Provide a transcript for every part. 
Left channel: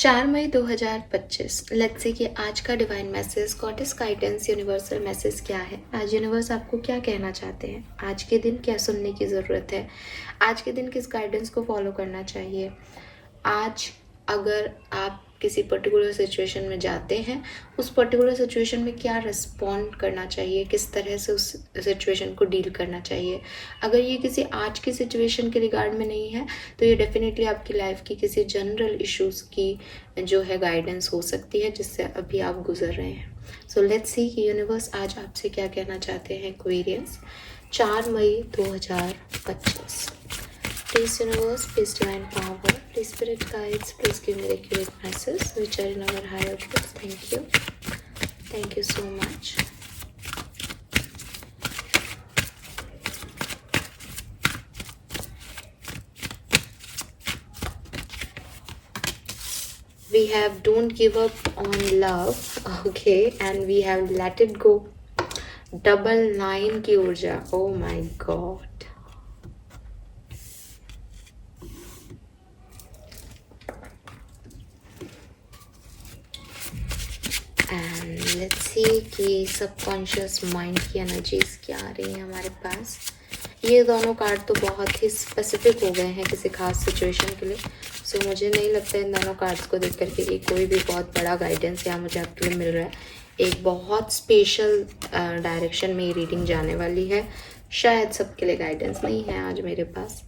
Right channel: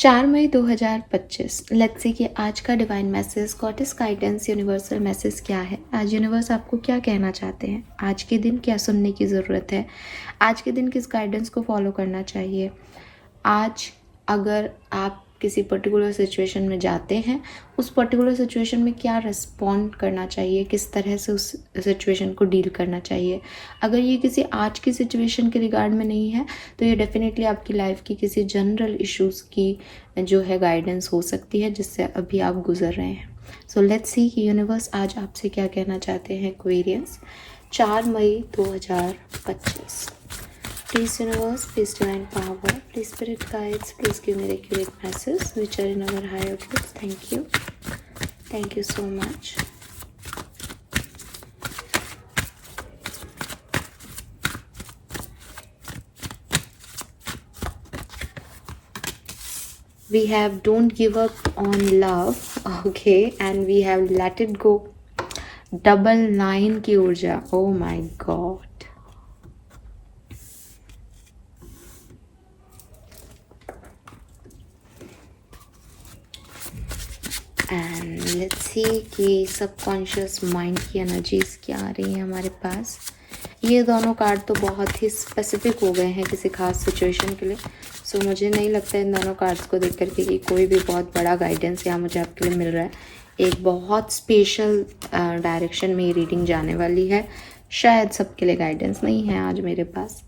4 मई 2025। Let's see कि आज का divine message, goddess guidance, universal message क्या है। आज यूनिवर्स आपको क्या कहना चाहते हैं, आज के दिन क्या सुनने की ज़रूरत है, आज के दिन किस गाइडेंस को फॉलो करना चाहिए। आज अगर आप किसी पर्टिकुलर सिचुएशन में जाते हैं, उस पर्टिकुलर सिचुएशन में क्या रिस्पॉन्ड करना चाहिए, किस तरह से उस सिचुएशन को डील करना चाहिए। अगर ये किसी आज की सिचुएशन के रिगार्ड में नहीं है तो ये डेफिनेटली आपकी लाइफ की किसी जनरल इश्यूज़ की जो है गाइडेंस हो सकती है जिससे अभी आप गुजर रहे हैं। सो लेट्स सी कि यूनिवर्स आज आपसे क्या कहना चाहते हैं। एक्वेरियस, 4 मई 2025। Please universe, please divine power, please spirit guides, please give me accurate messages which are in our higher truth. Thank you. Thank you so much. We have don't give up on love, okay, and we have let it go. Double 9 की ऊर्जा, oh my god. And let's see कि subconscious mind की energies क्या आ रही हैं हमारे पास। ये दोनों कार्ड तो बहुत ही स्पेसिफिक हो गए हैं किसी खास सिचुएशन के लिए। सो मुझे नहीं लगता इन दोनों कार्ड्स को देख करके कि कोई भी बहुत बड़ा गाइडेंस यहाँ मुझे आपके लिए मिल रहा है। एक बहुत स्पेशल डायरेक्शन में ये रीडिंग जाने वाली है। शायद सबके लिए गाइडेंस नहीं है आज मेरे पास।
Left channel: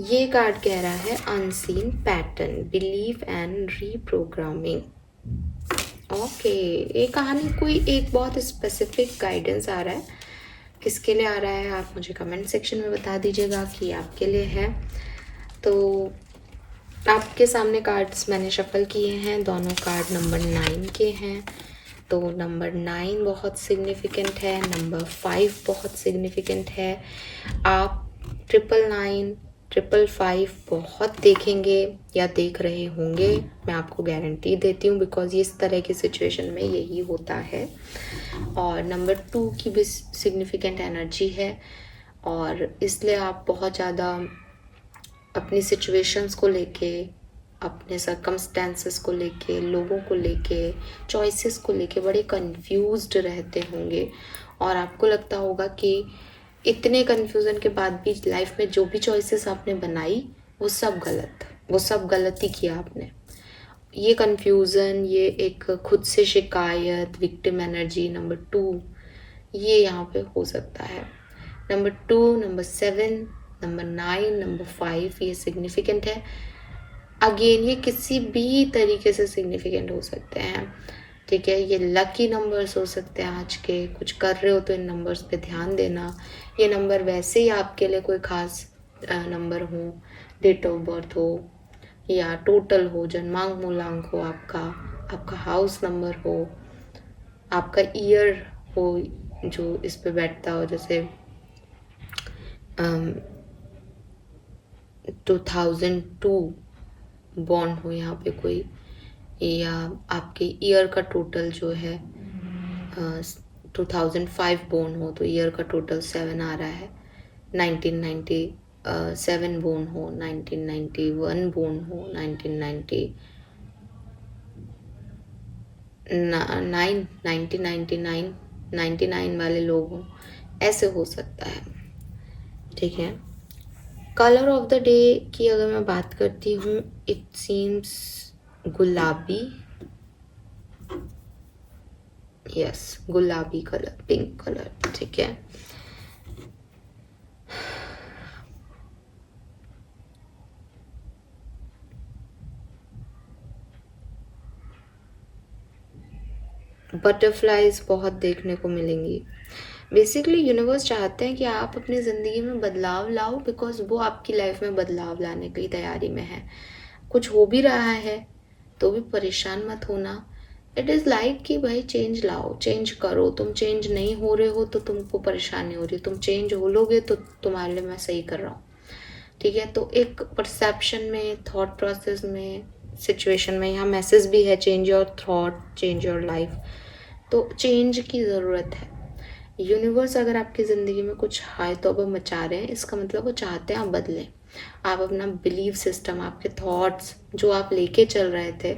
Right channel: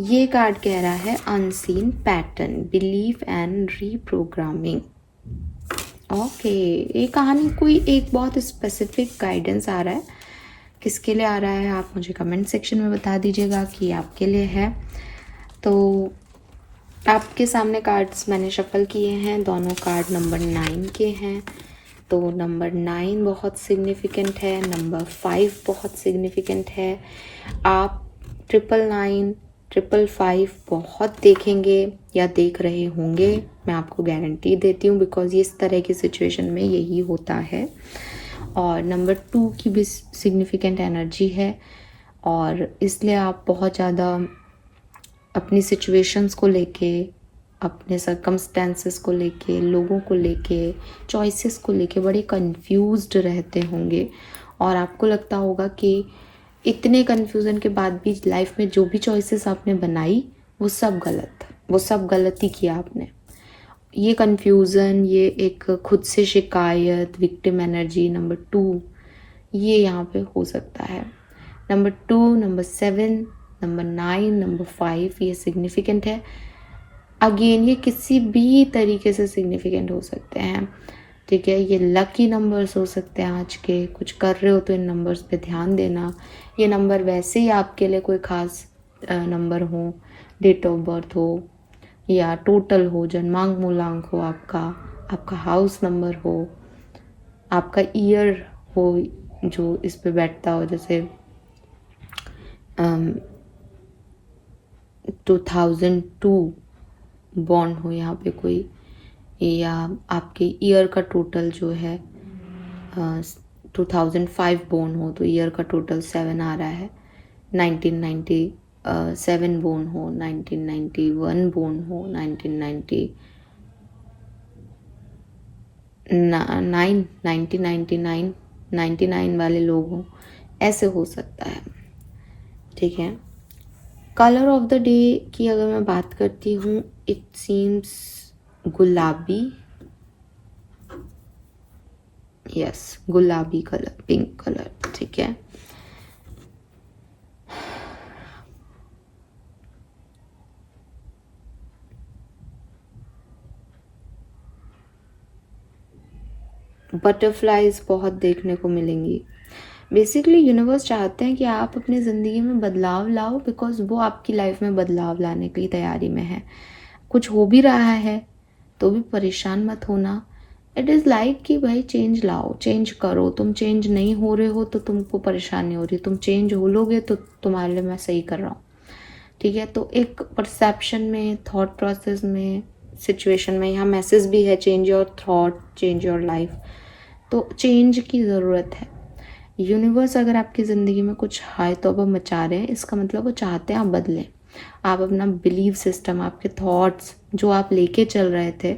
ये कार्ड कह रहा है unseen pattern, belief and reprogramming. Okay, ये कहानी कोई एक बहुत स्पेसिफिक गाइडेंस आ रहा है। किसके लिए आ रहा है आप मुझे कमेंट सेक्शन में बता दीजिएगा कि आपके लिए है। तो आपके सामने कार्ड्स मैंने शफल किए हैं, दोनों कार्ड नंबर 9 के हैं। तो नंबर 9 बहुत सिग्निफिकेंट है, नंबर 5 बहुत सिग्निफिकेंट है। आप 999 555 बहुत देखेंगे या देख रहे होंगे, मैं आपको गारंटी देती हूँ, बिकॉज इस तरह की सिचुएशन में यही होता है। और नंबर 2 की भी सिग्निफिकेंट एनर्जी है और इसलिए आप बहुत ज़्यादा अपनी सिचुएशंस को लेके, अपने सर्कमस्टेंसेस को लेके, लोगों को लेके, चॉइसेस को लेके बड़े कंफ्यूज्ड रहते होंगे और आपको लगता होगा कि इतने कन्फ्यूज़न के बाद भी लाइफ में जो भी चॉइसेस आपने बनाई वो सब गलत, वो सब गलत ही किया आपने। ये कन्फ्यूज़न, ये एक खुद से शिकायत, विक्टिम एनर्जी नंबर 2 ये यहाँ पे हो सकता है। नंबर 2, नंबर 7, नंबर 9, नंबर 5 ये सिग्निफिकेंट है। अगेन ये किसी भी तरीके से सिग्निफिकेंट हो सकते हैं, ठीक है। ये लकी नंबर्स हो सकते हैं आज के। कुछ कर रहे हो तो इन नंबर्स पे ध्यान देना। ये नंबर वैसे ही आपके लिए कोई ख़ास नंबर हो, डेट ऑफ बर्थ हो या टोटल हो, जन्मांक मूलांक हो, आपका हाउस नंबर हो, आपका ईयर हो जो इस पे बैठता हो, जैसे 2002 बॉर्न हो यहाँ पे कोई, या आपके ईयर का टोटल जो है 2005 बोर्न हो तो ईयर का टोटल 7 आ रहा है। 1997 बोर्न हो, 1991 बोर्न हो, 1999 वाले लोग हों, ऐसे हो सकता है, ठीक है। कलर ऑफ द डे की अगर मैं बात करती हूँ, इट सीम्स गुलाबी, यस गुलाबी कलर, पिंक कलर, ठीक है। बटरफ्लाइज बहुत देखने को मिलेंगी। बेसिकली यूनिवर्स चाहते हैं कि आप अपनी ज़िंदगी में बदलाव लाओ, बिकॉज वो आपकी लाइफ में बदलाव लाने की तैयारी में है। कुछ हो भी रहा है तो भी परेशान मत होना। इट इज़ लाइक कि भाई चेंज लाओ, चेंज करो। तुम चेंज नहीं हो रहे हो तो तुमको परेशानी हो रही, तुम चेंज हो लोगे तो तुम्हारे लिए मैं सही कर रहा हूँ, ठीक है। तो एक परसेप्शन में, थॉट प्रोसेस में, सिचुएशन में यहाँ मैसेज भी है, change your thought, change your life. तो चेंज की ज़रूरत है। यूनिवर्स अगर आपकी ज़िंदगी में कुछ हाय तौबा मचा रहे हैं, इसका मतलब वो चाहते हैं आप बदलें। आप अपना बिलीव सिस्टम, आपके थॉट्स जो आप लेके चल रहे थे,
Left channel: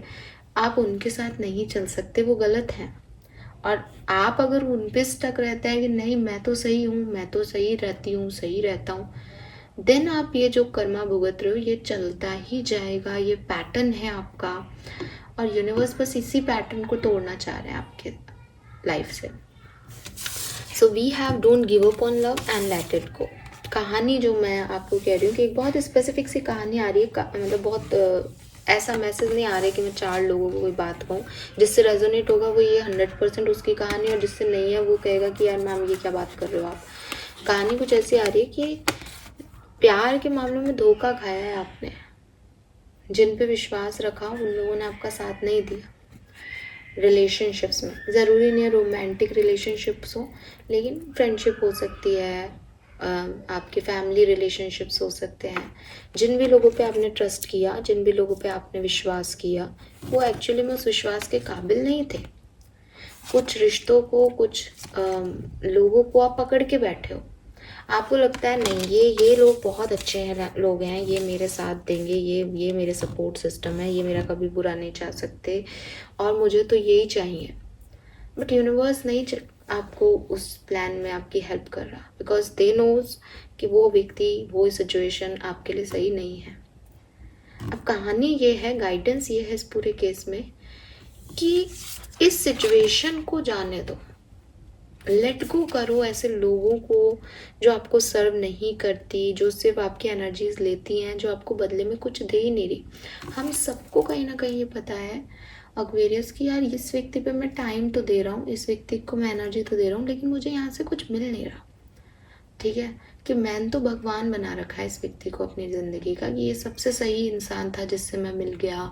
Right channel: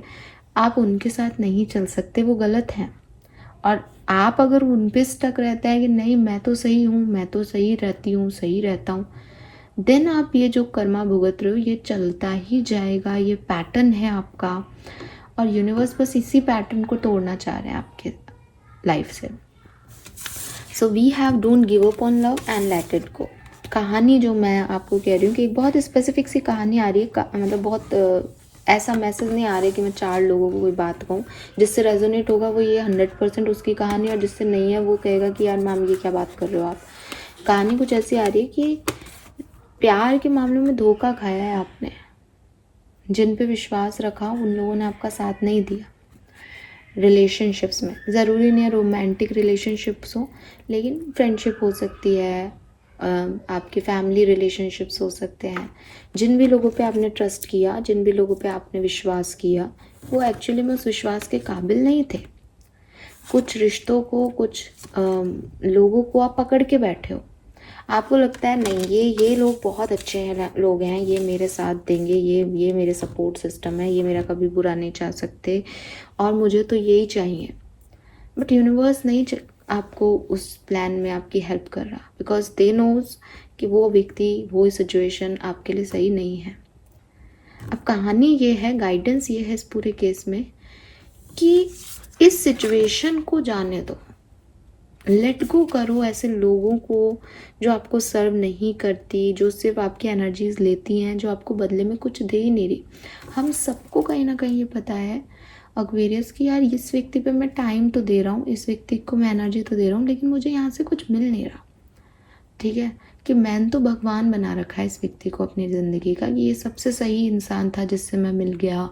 आप उनके साथ नहीं चल सकते, वो गलत हैं। और आप अगर उन पे स्टक रहते हैं कि नहीं मैं तो सही हूँ, मैं तो सही रहती हूँ, सही रहता हूँ, देन आप ये जो कर्मा भुगत रहे हो ये चलता ही जाएगा, ये पैटर्न है आपका। और यूनिवर्स बस इसी पैटर्न को तोड़ना चाह रहे हैं आपके लाइफ से। So we have don't give up on love and let it go. कहानी जो मैं आपको कह रही हूँ कि एक बहुत स्पेसिफिक सी कहानी आ रही है, मतलब बहुत ऐसा मैसेज नहीं आ रहा है कि मैं 4 लोगों को कोई बात कहूँ, जिससे रेजोनेट होगा वो ये 100% उसकी कहानी, और जिससे नहीं है वो कहेगा कि यार मैम ये क्या बात कर रहे हो आप। कहानी कुछ ऐसी आ रही है कि प्यार के मामलों में धोखा खाया है आपने, जिन पे विश्वास रखा उन लोगों ने आपका साथ नहीं दिया। रिलेशनशिप्स में ज़रूरी नहीं है रोमांटिक रिलेशनशिप्स हो, लेकिन फ्रेंडशिप हो सकती है, आपके फैमिली रिलेशनशिप्स हो सकते हैं। जिन भी लोगों पे आपने ट्रस्ट किया, जिन भी लोगों पे आपने विश्वास किया, वो एक्चुअली में उस विश्वास के काबिल नहीं थे। कुछ रिश्तों को, कुछ लोगों को आप पकड़ के बैठे हो। आपको लगता है नहीं ये लोग बहुत अच्छे हैं, लोग हैं, ये मेरे साथ देंगे, ये मेरे सपोर्ट सिस्टम है, ये मेरा कभी बुरा नहीं चाह सकते और मुझे तो यही चाहिए। बट यूनिवर्स नहीं आपको उस प्लान में आपकी हेल्प कर रहा, बिकॉज दे नोज कि वो व्यक्ति, वो सिचुएशन आपके लिए सही नहीं है। अब कहानी ये है, गाइडेंस ये है इस पूरे केस में कि इस सिचुएशन को जाने दो, लेट गो करो ऐसे लोगों को जो आपको सर्व नहीं करती, जो सिर्फ आपकी एनर्जीज लेती हैं, जो आपको बदले में कुछ दे ही नहीं रही। हम सबको कहीं ना कहीं ये पता है एक्वेरियस की यार इस व्यक्ति पे मैं टाइम तो दे रहा हूँ, इस व्यक्ति को मैं एनर्जी तो दे रहा हूँ, लेकिन मुझे यहाँ से कुछ मिल नहीं रहा। ठीक है, कि मैंने तो भगवान बना रखा है इस व्यक्ति को अपनी ज़िंदगी का, कि ये सबसे सही इंसान था जिससे मैं मिल गया,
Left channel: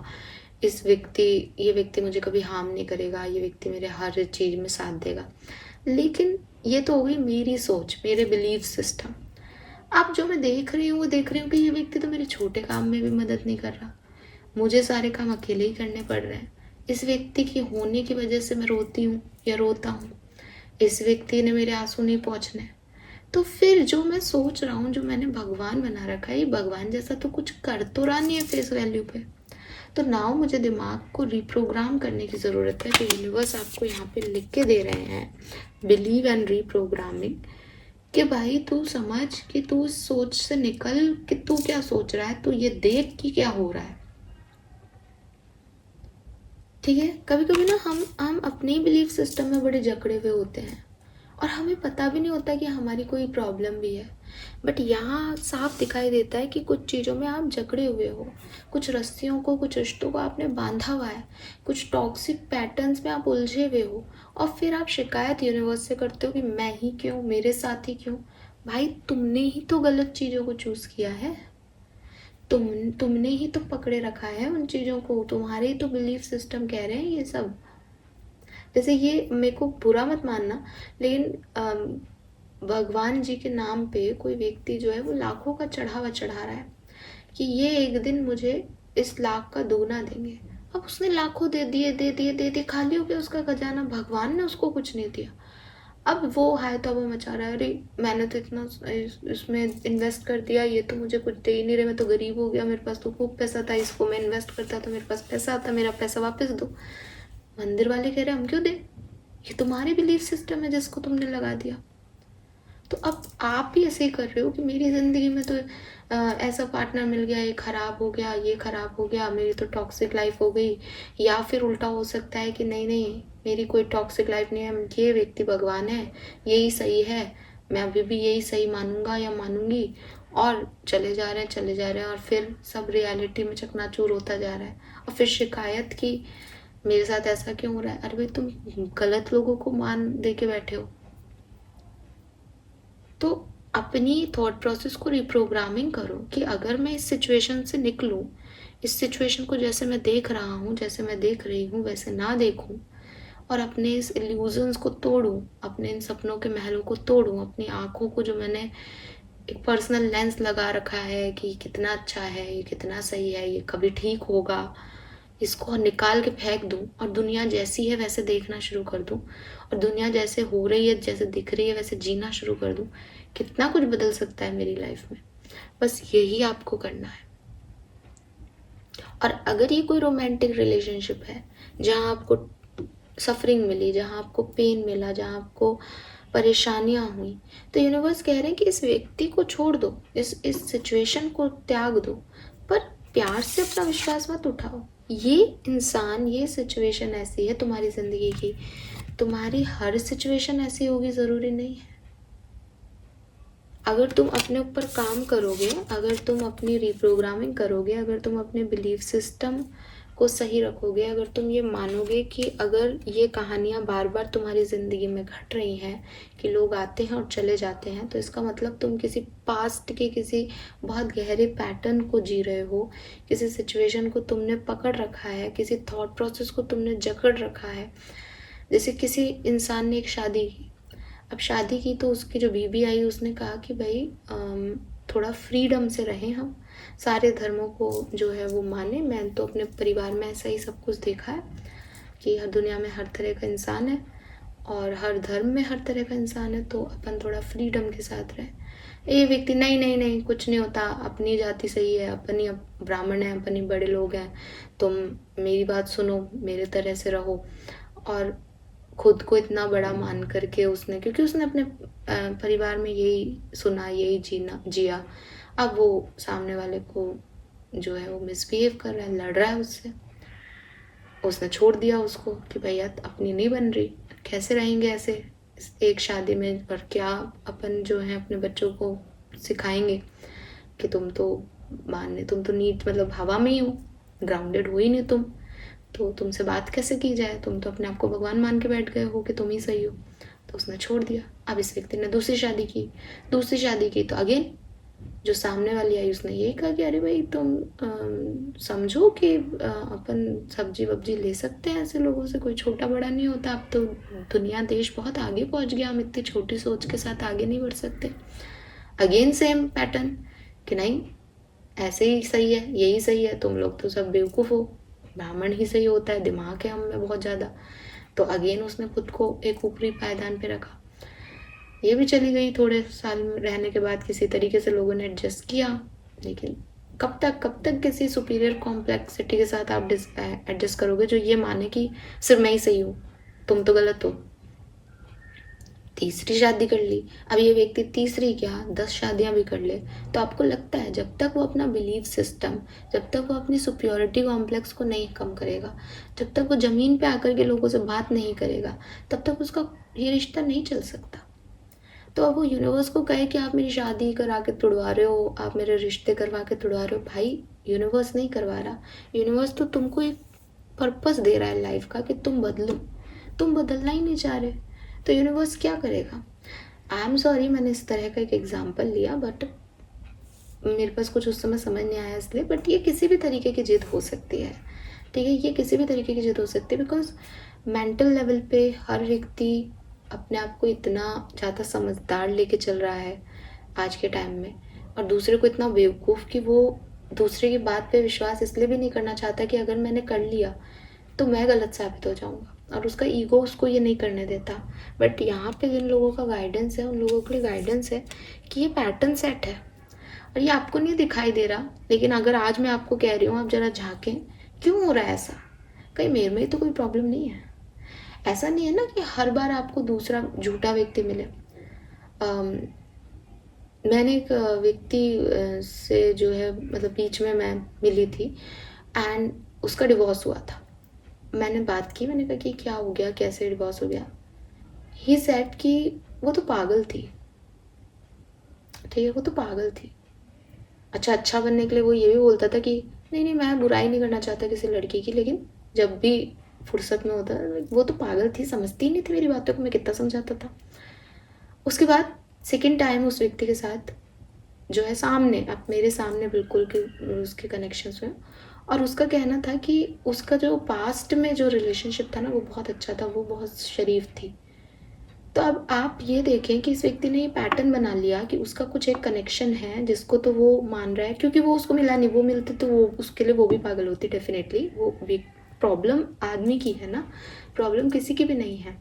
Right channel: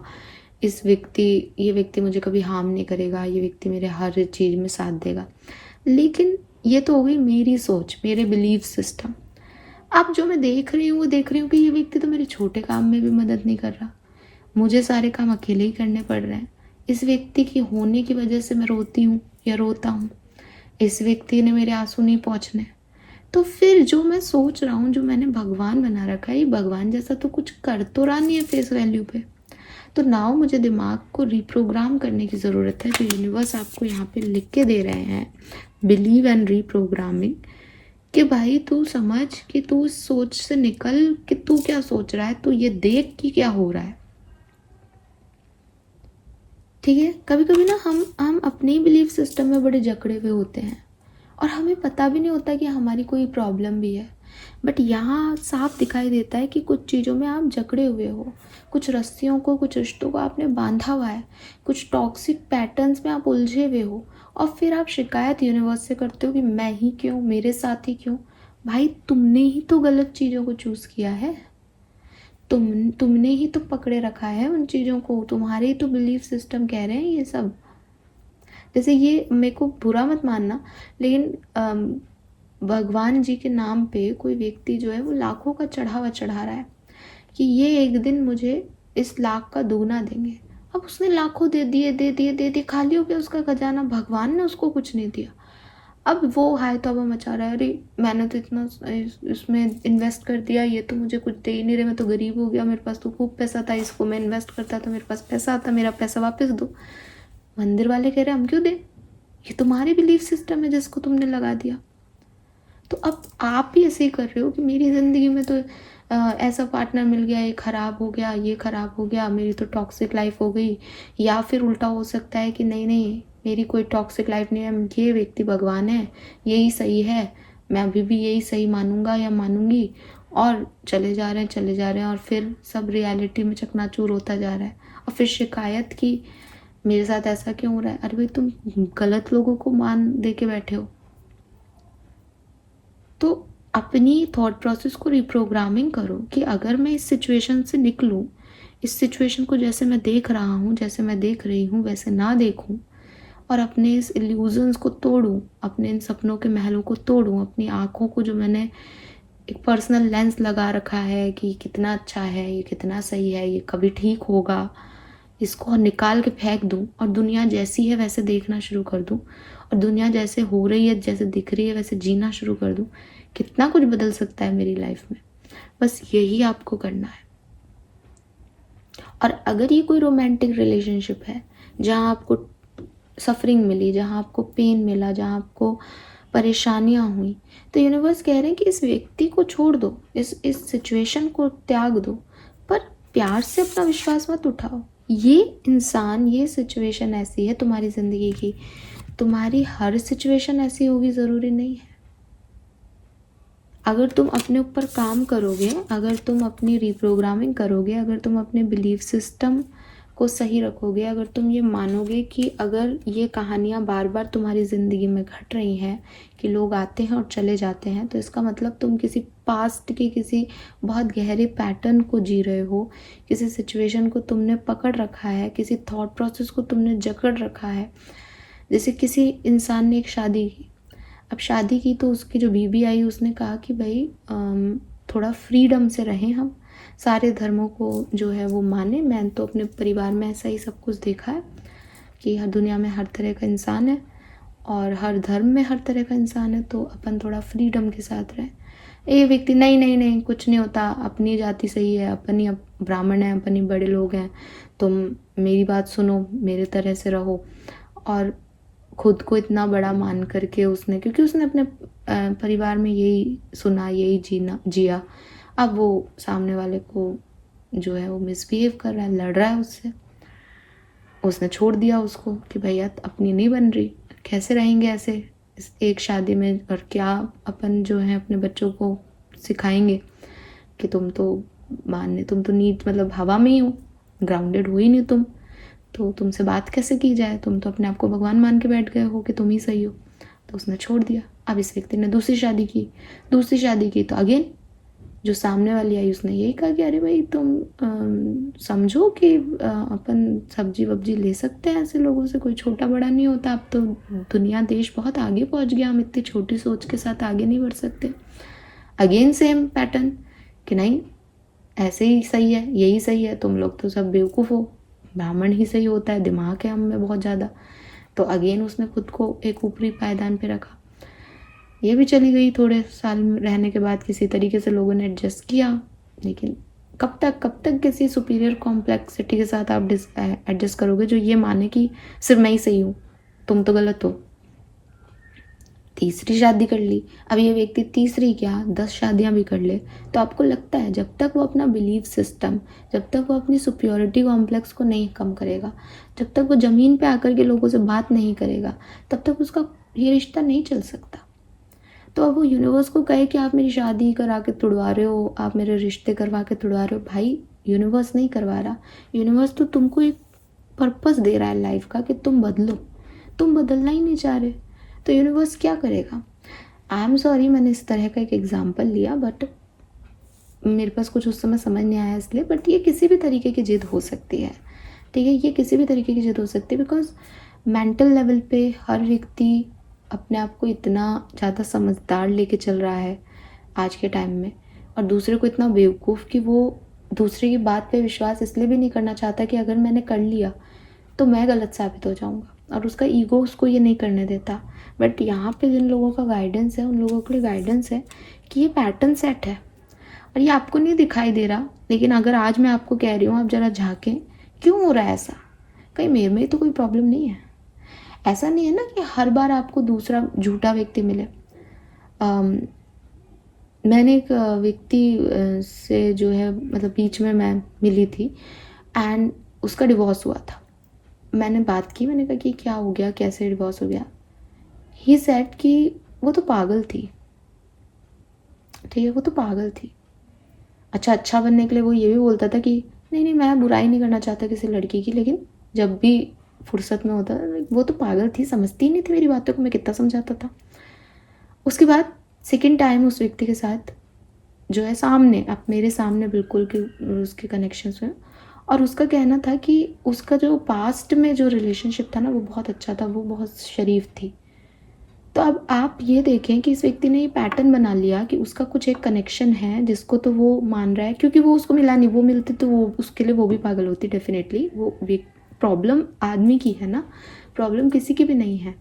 ये व्यक्ति मुझे कभी हार्म नहीं करेगा, ये व्यक्ति मेरे हर चीज़ में साथ देगा। लेकिन ये तो हो गई मेरी सोच, मेरे बिलीव सिस्टम। अब जो मैं देख रही हूँ वो देख रही हूँ कि ये व्यक्ति तो मेरे छोटे काम में भी मदद नहीं कर रहा, मुझे सारे काम अकेले ही करने पड़ रहे हैं। इस व्यक्ति की होने की वजह से मैं रोती हूँ या रोता हूँ, इस व्यक्ति ने मेरे आंसू नहीं पहुँचने। तो फिर जो मैं सोच रहा हूँ, जो मैंने भगवान बना रखा है, ये भगवान जैसा तो कुछ कर तो रहा नहीं है फेस वैल्यू पे। तो नाउ मुझे दिमाग को रिप्रोग्राम करने की ज़रूरत है। तो यूनिवर्स आपको यहाँ पे लिख के दे रहे हैं बिलीव एंड रीप्रोग्रामिंग, कि भाई तू समझ कि तू इस सोच से निकल कि तू क्या सोच रहा है, तू ये देख कि क्या हो रहा है। ठीक है, कभी कभी ना हम अपने बिलीव सिस्टम में बड़े जकड़े हुए होते हैं और हमें पता भी नहीं होता कि हमारी कोई प्रॉब्लम भी है। बट यहाँ साफ दिखाई देता है कि कुछ चीज़ों में आप जकड़े हुए हो, कुछ रस्सियों को, कुछ रिश्तों को आपने बांधा हुआ है, कुछ टॉक्सिक पैटर्न्स में आप उलझे हुए हो, और फिर आप शिकायत यूनिवर्स से करते हो कि मैं ही क्यों, मेरे साथ ही क्यों। भाई तुमने ही तो गलत चीज़ों को चूज़ किया है, तुमने ही तो पकड़े रखा है उन चीज़ों को, तुम्हारे ही तो बिलीफ सिस्टम कह रहे हैं ये सब। जैसे ये मेरे को बुरा मत मानना, लेकिन भगवान जी के नाम पे कोई व्यक्ति जो है वो लाखों का चढ़ावा चढ़ा रहा है कि ये एक दिन मुझे इस लाख का दोगुना देंगे। अब उसने लाखों दे दिए, खाली हो गया उसका खजाना, भगवान ने उसको कुछ नहीं दिया। अब वो हाय तौबा मचा रहा है, अरे मैंने तो इतना इसमें इन्वेस्ट कर दिया, ये तो मुझे कुछ दे ही नहीं रहे, मैं तो गरीब हो गया, मेरे पास तो खूब पैसा था, इसको मैं इन्वेस्ट करता तो मेरे पास पैसा आता, मेरा पैसा वापस दो। मंदिर वाले कह रहे हम क्यों दें, ये तुम्हारी बिलीफ सिस्टम है जिसको तुमने लगा दिया। तो अब आप भी ऐसे ही कर रहे हो कि मेरी ज़िंदगी में तो ऐसा पार्टनर मिल गया, ये ख़राब हो गया, ये ख़राब हो गया, मेरी तो टॉक्सिक लाइफ हो गई। या फिर उल्टा हो सकता है कि नहीं नहीं मेरी कोई टॉक्सिक लाइफ नहीं है, ये व्यक्ति भगवान है, यही सही है, मैं अभी भी यही सही मानूंगा या मानूंगी, और चले जा रहे हैं, और फिर सब रियलिटी में चकनाचूर होता जा रहा है। और फिर शिकायत की मेरे साथ ऐसा क्यों हो रहा है। अरे भाई तुम गलत लोगों को मान दे के बैठे हो। तो अपनी थॉट प्रोसेस को रिप्रोग्रामिंग करो कि अगर मैं इस सिचुएशन से निकलूं, इस सिचुएशन को जैसे मैं देख रहा हूँ, जैसे मैं देख रही हूँ वैसे ना देखूं, और अपने इस इल्यूजन्स को तोड़ूं, अपने इन सपनों के महलों को तोड़ूं, अपनी आँखों को जो मैंने एक पर्सनल लेंस लगा रखा है कि कितना अच्छा है, ये कितना सही है, ये कभी ठीक होगा, इसको निकाल के फेंक दूं और दुनिया जैसी है वैसे देखना शुरू कर दूं, और दुनिया जैसे हो रही है, जैसे दिख रही है वैसे जीना शुरू कर दूं। कितना कुछ बदल सकता है मेरी लाइफ में। बस यही आपको करना है। और अगर ये कोई रोमांटिक रिलेशनशिप है जहाँ आपको सफरिंग मिली, जहाँ आपको पेन मिला, जहाँ आपको परेशानियाँ हुई, तो यूनिवर्स कह रहे हैं कि इस व्यक्ति को छोड़ दो, इस सिचुएशन को त्याग दो, पर प्यार से अपना विश्वास मत उठाओ। ये इंसान, ये सिचुएशन ऐसी है तुम्हारी ज़िंदगी की, तुम्हारी हर सिचुएशन ऐसी होगी ज़रूरी नहीं है। अगर तुम अपने ऊपर काम करोगे, अगर तुम अपनी रिप्रोग्रामिंग करोगे, अगर तुम अपने बिलीफ सिस्टम को सही रखोगे, अगर तुम ये मानोगे कि अगर ये कहानियाँ बार बार तुम्हारी ज़िंदगी में घट रही हैं कि लोग आते हैं और चले जाते हैं, तो इसका मतलब तुम किसी पास्ट के किसी बहुत गहरे पैटर्न को जी रहे हो, किसी सिचुएशन को तुमने पकड़ रखा है, किसी थॉट प्रोसेस को तुमने जकड़ रखा है। जैसे किसी इंसान ने एक शादी की, अब शादी की तो उसकी जो बीवी आई उसने कहा कि भाई थोड़ा फ्रीडम से रहें, हम सारे धर्मों को जो है वो माने। मैंने तो अपने परिवार में ऐसा ही सब कुछ देखा है कि हर दुनिया में हर तरह का इंसान है और हर धर्म में हर तरह का इंसान है, तो अपन थोड़ा फ्रीडम के साथ रहें। ये व्यक्ति नहीं नहीं नहीं, कुछ नहीं होता, अपनी जाति सही है, अपन ही ब्राह्मण है, अपन ही बड़े लोग हैं, तुम मेरी बात सुनो, मेरे तरह से रहो। और खुद को इतना बड़ा मान करके उसने, क्योंकि उसने अपने परिवार में यही सुना, यही जिया, अब वो सामने वाले को जो है वो मिसबिहेव कर रहा है, लड़ रहा है उससे। उसने छोड़ दिया उसको कि भैया अपनी नहीं बन रही, कैसे रहेंगे ऐसे इस एक शादी में, और क्या अपन जो है अपने बच्चों को सिखाएंगे कि तुम तो तुम तो नीट मतलब हवा में ही हो, ग्राउंडेड हुई नहीं तुम, तो तुमसे बात कैसे की जाए, तुम तो अपने आप को भगवान मान के बैठ गए हो कि तुम ही सही हो। तो उसने छोड़ दिया। अब इस व्यक्ति ने दूसरी शादी की तो अगेन जो सामने वाली आई उसने यही कहा कि अरे भाई तुम समझो कि अपन सब्जी वब्जी ले सकते हैं, ऐसे लोगों से कोई छोटा बड़ा नहीं होता, अब तो दुनिया देश बहुत आगे पहुंच गया, हम इतनी छोटी सोच के साथ आगे नहीं बढ़ सकते। अगेन सेम पैटर्न कि नहीं ऐसे ही सही है, यही सही है, तुम लोग तो सब बेवकूफ़ हो, ब्राह्मण ही सही होता है, दिमाग है हम में बहुत ज़्यादा। तो अगेन उसने खुद को एक ऊपरी पायदान पे रखा। ये भी चली गई, थोड़े साल रहने के बाद किसी तरीके से लोगों ने एडजस्ट किया, लेकिन कब तक किसी सुपीरियर कॉम्प्लेक्सिटी के साथ आप एडजस्ट करोगे जो ये माने कि सिर्फ मैं ही सही हूँ, तुम तो गलत हो। तीसरी शादी कर ली, अब ये व्यक्ति तीसरी क्या 10 शादियां भी कर ले, तो आपको लगता है जब तक वो अपना बिलीफ सिस्टम, जब तक वो अपनी सुपियोरिटी कॉम्प्लेक्स को नहीं कम करेगा, जब तक वो ज़मीन पे आकर के लोगों से बात नहीं करेगा, तब तक उसका ये रिश्ता नहीं चल सकता। तो अब वो यूनिवर्स को कहे कि आप मेरी शादी करा के तुड़वा रहे हो, आप मेरे रिश्ते करवा के तुड़वा रहे हो, भाई यूनिवर्स नहीं करवा रहा, यूनिवर्स तो तुमको एक पर्पस दे रहा है लाइफ का कि तुम बदलो, तुम बदलना ही नहीं चाह रहे, तो यूनिवर्स क्या करेगा। आई एम सॉरी मैंने इस तरह का एक एग्जाम्पल लिया, बट मेरे पास कुछ उस समय समझ नहीं आया इसलिए, बट ये किसी भी तरीके की जिद हो सकती है, ठीक है, ये किसी भी तरीके की जिद हो सकती है, बिकॉज मेंटल लेवल पे हर व्यक्ति अपने आप को इतना ज़्यादा समझदार लेके चल रहा है आज के टाइम में, और दूसरे को इतना बेवकूफ़ कि वो दूसरे की बात पे विश्वास इसलिए भी नहीं करना चाहता कि अगर मैंने कर लिया तो मैं गलत साबित हो जाऊंगा, और उसका ईगो उसको ये नहीं करने देता। बट यहाँ पे जिन लोगों का गाइडेंस है उन लोगों के लिए गाइडेंस है कि ये पैटर्न सेट है और ये आपको नहीं दिखाई दे रहा, लेकिन अगर आज मैं आपको कह रही हूँ आप ज़रा झाँकें क्यों हो रहा है ऐसा, कहीं मेरे में तो कोई प्रॉब्लम नहीं है। ऐसा नहीं है ना कि हर बार आपको दूसरा झूठा व्यक्ति मिले। मैंने एक व्यक्ति से जो है मतलब बीच में मैं मिली थी एंड उसका डिवोर्स हुआ था। मैंने बात की, मैंने कहा कि क्या हो गया, कैसे डिवोर्स हो गया। ही सेड कि वो तो पागल थी, ठीक है, वो तो पागल थी। अच्छा बनने के लिए वो ये भी बोलता था कि नहीं मैं बुराई नहीं करना चाहता किसी लड़की की, लेकिन जब भी फुर्सत में होता वो तो पागल थी, समझती ही नहीं थी मेरी बातों को, मैं कितना समझाता था। उसके बाद सेकेंड टाइम उस व्यक्ति के साथ जो है सामने, अब मेरे सामने बिल्कुल कि उसके कनेक्शंस में, और उसका कहना था कि उसका जो पास्ट में जो रिलेशनशिप था ना वो बहुत अच्छा था, वो बहुत शरीफ थी। तो अब आप ये देखें कि इस व्यक्ति ने ये पैटर्न बना लिया कि उसका कुछ एक कनेक्शन है जिसको तो वो मान रहा है, क्योंकि वो उसको मिला नहीं, वो मिलती तो वो उसके लिए वो भी पागल होती डेफिनेटली। वो प्रॉब्लम आदमी की है ना, प्रॉब्लम किसी की भी नहीं है।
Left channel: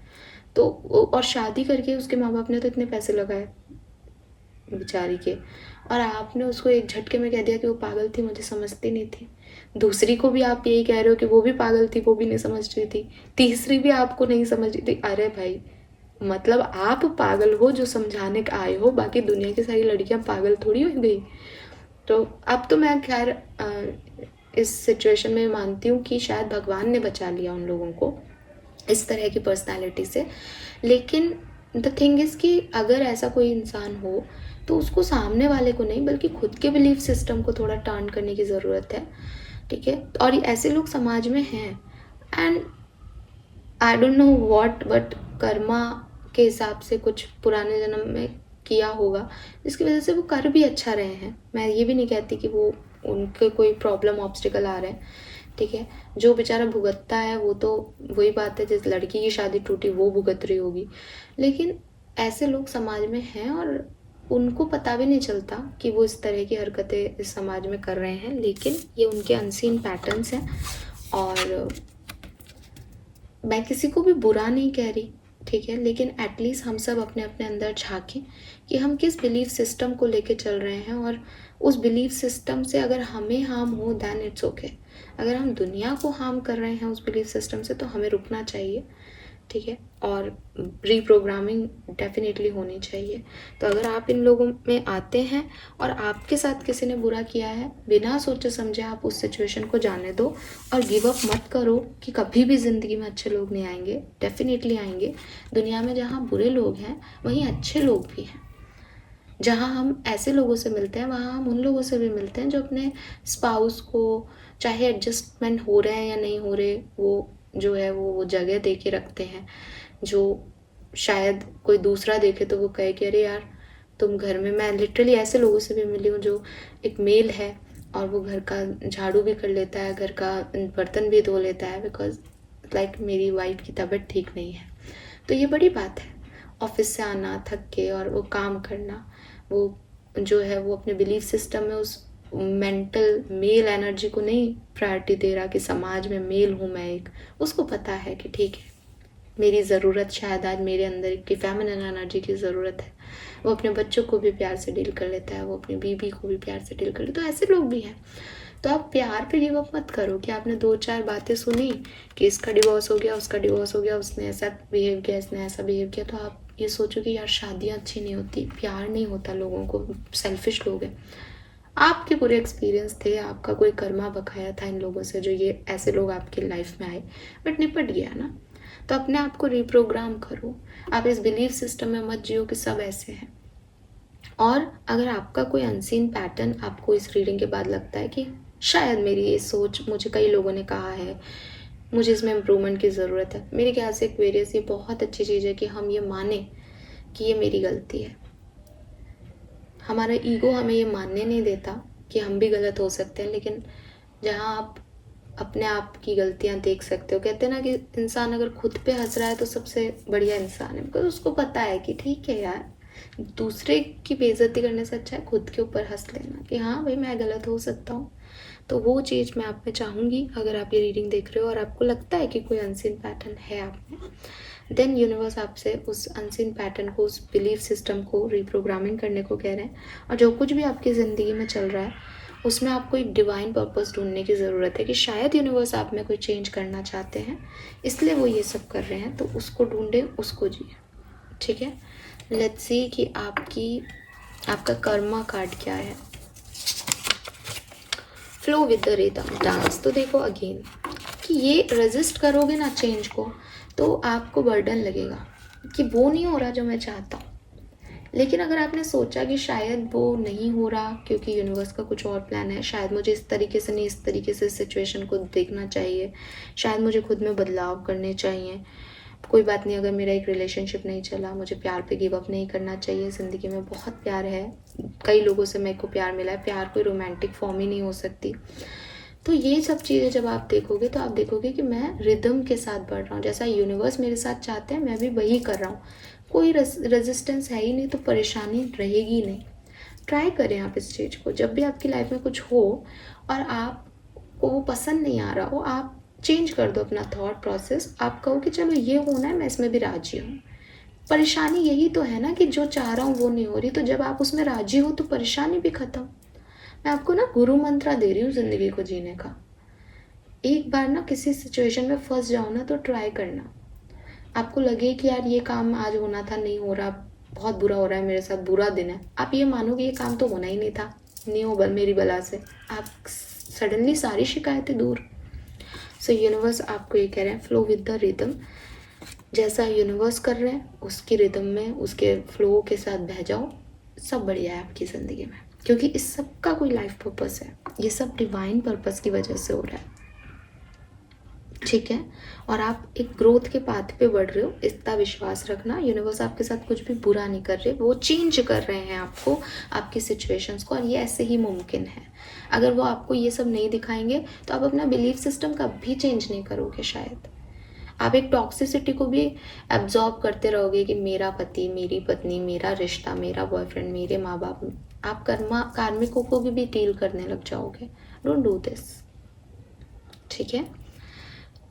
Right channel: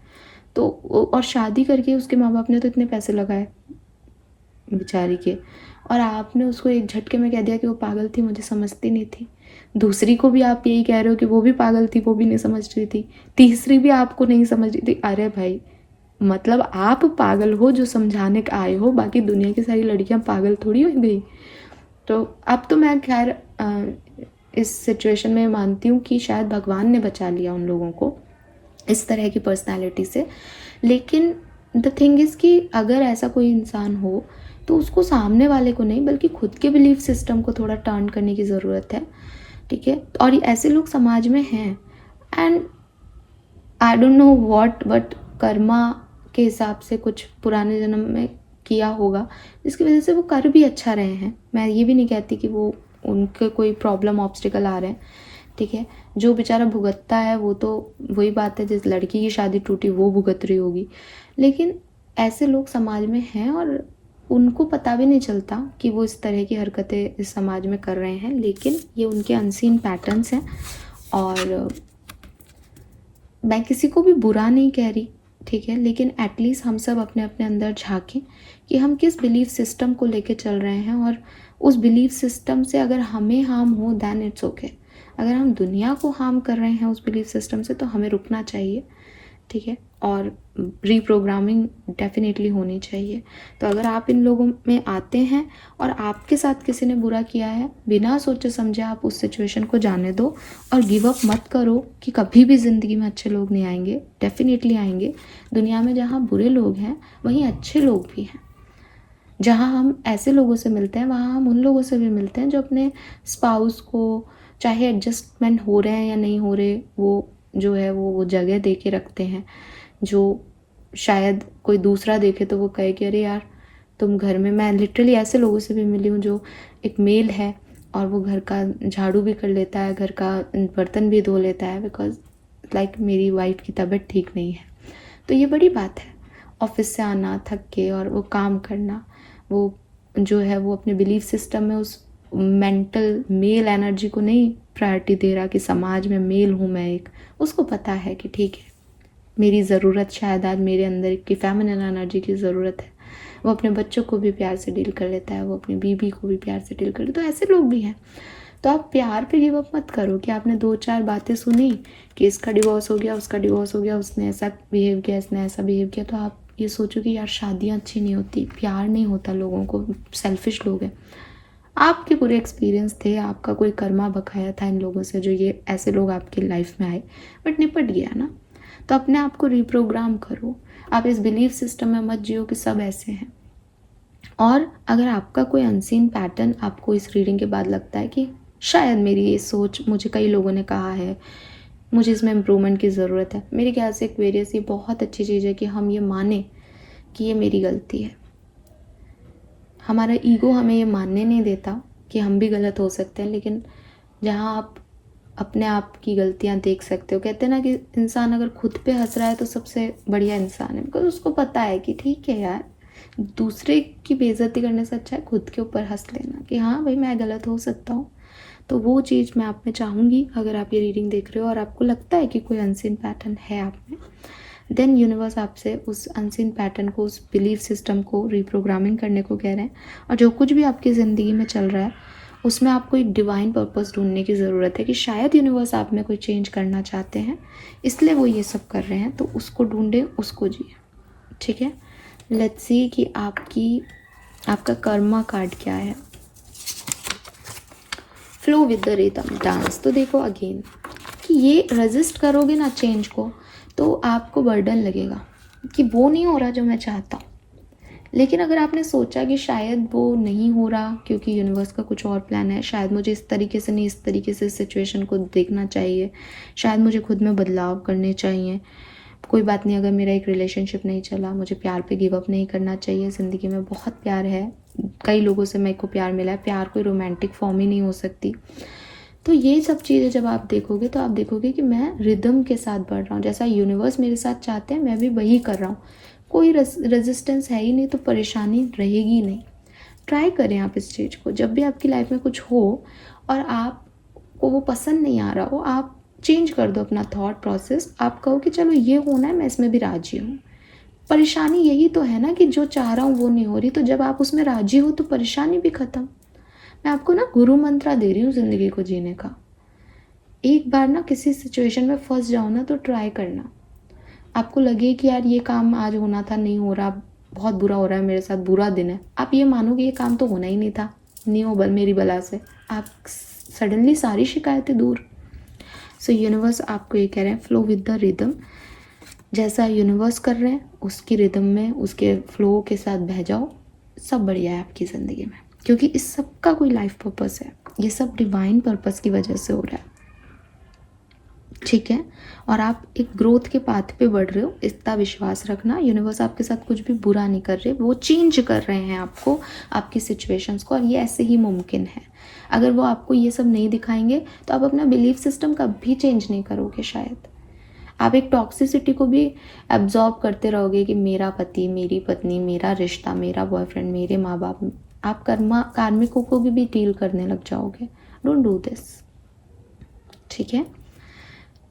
तो और शादी करके उसके माँ बाप ने तो इतने पैसे लगाए, बेचारी के, और आपने उसको एक झटके में कह दिया कि वो पागल थी, मुझे समझती नहीं थी। दूसरी को भी आप यही कह रहे हो कि वो भी पागल थी, वो भी नहीं समझ रही थी। तीसरी भी आपको नहीं समझ रही थी। अरे भाई, मतलब आप पागल हो जो समझाने के आए हो, बाकी दुनिया की सारी लड़कियां पागल थोड़ी हो गई। तो अब तो मैं खैर इस सिचुएशन में मानती हूँ कि शायद भगवान ने बचा लिया उन लोगों को इस तरह की पर्सनालिटी से। लेकिन द थिंग इज़ कि अगर ऐसा कोई इंसान हो तो उसको सामने वाले को नहीं बल्कि खुद के बिलीफ सिस्टम को थोड़ा टर्न करने की ज़रूरत है, ठीक है। और ऐसे लोग समाज में हैं, and I don't know what but Karma के हिसाब से कुछ पुराने जन्म में किया होगा जिसकी वजह से वो कर भी अच्छा रहे हैं। मैं ये भी नहीं कहती कि वो उनके कोई प्रॉब्लम ऑब्स्टिकल आ रहे हैं, ठीक है। जो बेचारा भुगतता है वो तो वही बात है, जिस लड़की की शादी टूटी वो भुगत रही होगी। लेकिन ऐसे लोग समाज में हैं और उनको पता भी नहीं चलता कि वो इस तरह की हरकतें इस समाज में कर रहे हैं, लेकिन ये उनके अनसीन पैटर्न्स हैं। और मैं किसी को भी बुरा नहीं कह रही, ठीक है, लेकिन एटलीस्ट हम सब अपने अपने अंदर झांकें कि हम किस बिलीफ सिस्टम को लेके चल रहे हैं, और उस बिलीफ सिस्टम से अगर हमें हार्म हो दैन इट्स ओके। अगर हम दुनिया को हार्म कर रहे हैं उस बिलीफ सिस्टम से तो हमें रुकना चाहिए, ठीक है। और रीप्रोग्रामिंग डेफिनेटली होनी चाहिए। तो अगर आप इन लोगों में आते हैं और आपके साथ किसी ने बुरा किया है, बिना सोचे समझे आप उस सिचुएशन को जाने दो और गिव अप मत करो कि कभी भी ज़िंदगी में अच्छे लोग नहीं आएंगे। डेफिनेटली आएंगे। दुनिया में जहाँ बुरे लोग हैं वहीं अच्छे लोग भी हैं। जहाँ हम ऐसे लोगों से मिलते हैं वहाँ हम उन लोगों से भी मिलते हैं जो अपने स्पाउस को, चाहे एडजस्टमेंट हो रहे हैं या नहीं हो रहे, वो जो है वो जगह दे के रखते हैं, जो शायद कोई दूसरा देखे तो वो कहे कि अरे यार तुम घर में। मैं लिटरली ऐसे लोगों से भी मिली हूँ जो एक मेल है और वो घर का झाड़ू भी कर लेता है, घर का बर्तन भी धो लेता है, बिकॉज लाइक मेरी वाइफ की तबीयत ठीक नहीं है। तो ये बड़ी बात है, ऑफिस से आना थक के और वो काम करना, वो जो है वो अपने बिलीफ सिस्टम में उस मेंटल मेल एनर्जी को नहीं प्रायोरिटी दे रहा कि समाज में मेल हूँ मैं एक। उसको पता है कि ठीक है मेरी ज़रूरत शायद आज मेरे अंदर की फेमिनिन एनर्जी की ज़रूरत है। वो अपने बच्चों को भी प्यार से डील कर लेता है, वो अपनी बीवी को भी प्यार से डील कर लेता है। तो ऐसे लोग भी हैं। तो आप प्यार पे गिव अप मत करो कि आपने 2-4 बातें सुनी कि इसका डिवोर्स हो गया, उसका डिवोर्स हो गया, उसने ऐसा बिहेव किया, इसने ऐसा बिहेव किया, तो आप ये सोचो कि यार शादियाँ अच्छी नहीं होती, प्यार नहीं होता लोगों को, सेल्फिश लोग हैं। आपके पूरे एक्सपीरियंस थे, आपका कोई कर्मा बकाया था इन लोगों से जो ये ऐसे लोग आपकी लाइफ में आए, बट निपट गया ना। तो अपने आप को रिप्रोग्राम करो। आप इस बिलीफ सिस्टम में मत जियो कि सब ऐसे हैं। और अगर आपका कोई अनसीन पैटर्न आपको इस रीडिंग के बाद लगता है कि शायद मेरी ये सोच, मुझे कई लोगों ने कहा है, मुझे इसमें इम्प्रूवमेंट की ज़रूरत है, मेरे ख्याल से एक्वेरियस ये बहुत अच्छी चीज़ है कि हम ये माने कि ये मेरी गलती है। हमारा ईगो हमें ये मानने नहीं देता कि हम भी गलत हो सकते हैं, लेकिन जहाँ आप अपने आप की गलतियाँ देख सकते हो, कहते हैं ना कि इंसान अगर खुद पे हंस रहा है तो सबसे बढ़िया इंसान है, बिकॉज उसको पता है कि ठीक है यार, दूसरे की बेइज्जती करने से अच्छा है खुद के ऊपर हंस लेना कि हाँ भाई मैं गलत हो सकता हूँ। तो वो चीज़ मैं आप में चाहूँगी। अगर आप ये रीडिंग देख रहे हो और आपको लगता है कि कोई अनसीन पैटर्न है आप में, देन यूनिवर्स आपसे उस अनसीन पैटर्न को, उस बिलीफ सिस्टम को रिप्रोग्रामिंग करने को कह रहे हैं। और जो कुछ भी आपकी ज़िंदगी में चल रहा है उसमें आपको एक डिवाइन पर्पस ढूंढने की ज़रूरत है कि शायद यूनिवर्स आप में कोई चेंज करना चाहते हैं, इसलिए वो ये सब कर रहे हैं। तो उसको ढूंढे, उसको जिए, ठीक है। लेट्स सी कि आपका कर्मा कार्ड क्या है। Flow with the rhythm dance. तो देखो अगेन कि ये रेजिस्ट करोगे ना चेंज को तो आपको बर्डन लगेगा कि वो नहीं हो रहा जो मैं चाहता हूँ। लेकिन अगर आपने सोचा कि शायद वो नहीं हो रहा क्योंकि यूनिवर्स का कुछ और प्लान है, शायद मुझे इस तरीके से नहीं, इस तरीके से सिचुएशन को देखना चाहिए, शायद मुझे खुद में बदलाव करने चाहिए, कोई बात नहीं अगर मेरा एक रिलेशनशिप नहीं चला, मुझे प्यार पे गिव अप नहीं करना चाहिए, ज़िंदगी में बहुत प्यार है, कई लोगों से मेरे को प्यार मिला है, प्यार कोई रोमांटिक फॉर्म ही नहीं हो सकती। तो ये सब चीज़ें जब आप देखोगे तो आप देखोगे कि मैं रिदम के साथ बढ़ रहा हूँ, जैसा यूनिवर्स मेरे साथ चाहते हैं मैं भी वही कर रहा हूँ। कोई रेजिस्टेंस है ही नहीं तो परेशानी रहेगी नहीं। ट्राई करें आप इस चीज़ को। जब भी आपकी लाइफ में कुछ हो और आपको वो पसंद नहीं आ रहा हो, आप चेंज कर दो अपना थॉट प्रोसेस। आप कहो कि चलो ये होना है, मैं इसमें भी राजी हूँ, परेशानी यही तो है ना कि जो चाह रहा हूँ वो नहीं हो रही, तो जब आप उसमें राजी हो तो परेशानी भी खत्म। मैं आपको ना गुरु मंत्र दे रही हूँ ज़िंदगी को जीने का। एक बार ना किसी सिचुएशन में फंस जाओ ना तो ट्राई करना। आपको लगे कि यार ये काम आज होना था, नहीं हो रहा, बहुत बुरा हो रहा है मेरे साथ, बुरा दिन है, आप ये मानो कि ये काम तो होना ही नहीं था, नहीं हो मेरी बला से, आप सडनली सारी शिकायतें दूर। सो यूनिवर्स आपको ये कह रहे हैं, फ्लो विद द रिदम। जैसा यूनिवर्स कर रहे हैं उसकी रिदम में, उसके फ्लो के साथ बह जाओ, सब बढ़िया है आपकी ज़िंदगी में, क्योंकि इस सब का कोई लाइफ पर्पस है। ये सब डिवाइन पर्पस की वजह से हो रहा है, ठीक है। और आप एक ग्रोथ के पाथ पे बढ़ रहे हो, इतना विश्वास रखना। यूनिवर्स आपके साथ कुछ भी बुरा नहीं कर रहे, वो चेंज कर रहे हैं आपको, आपकी सिचुएशंस को, और ये ऐसे ही मुमकिन है। अगर वो आपको ये सब नहीं दिखाएंगे तो आप अपना बिलीफ सिस्टम कभी चेंज नहीं करोगे। शायद आप एक टॉक्सिसिटी को भी एब्जॉर्ब करते रहोगे कि मेरा पति, मेरी पत्नी, मेरा रिश्ता, मेरा बॉयफ्रेंड, मेरे माँ बाप। आप कार्मिकों को भी डील करने लग जाओगे। डोंट डू दिस, ठीक है।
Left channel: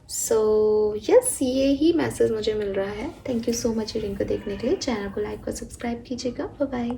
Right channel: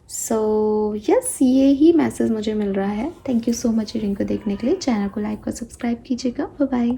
सो यस, ये ही मैसेज मुझे मिल रहा है। Thank you so much reading को देखने के लिए। चैनल को लाइक और सब्सक्राइब कीजिएगा। Bye bye.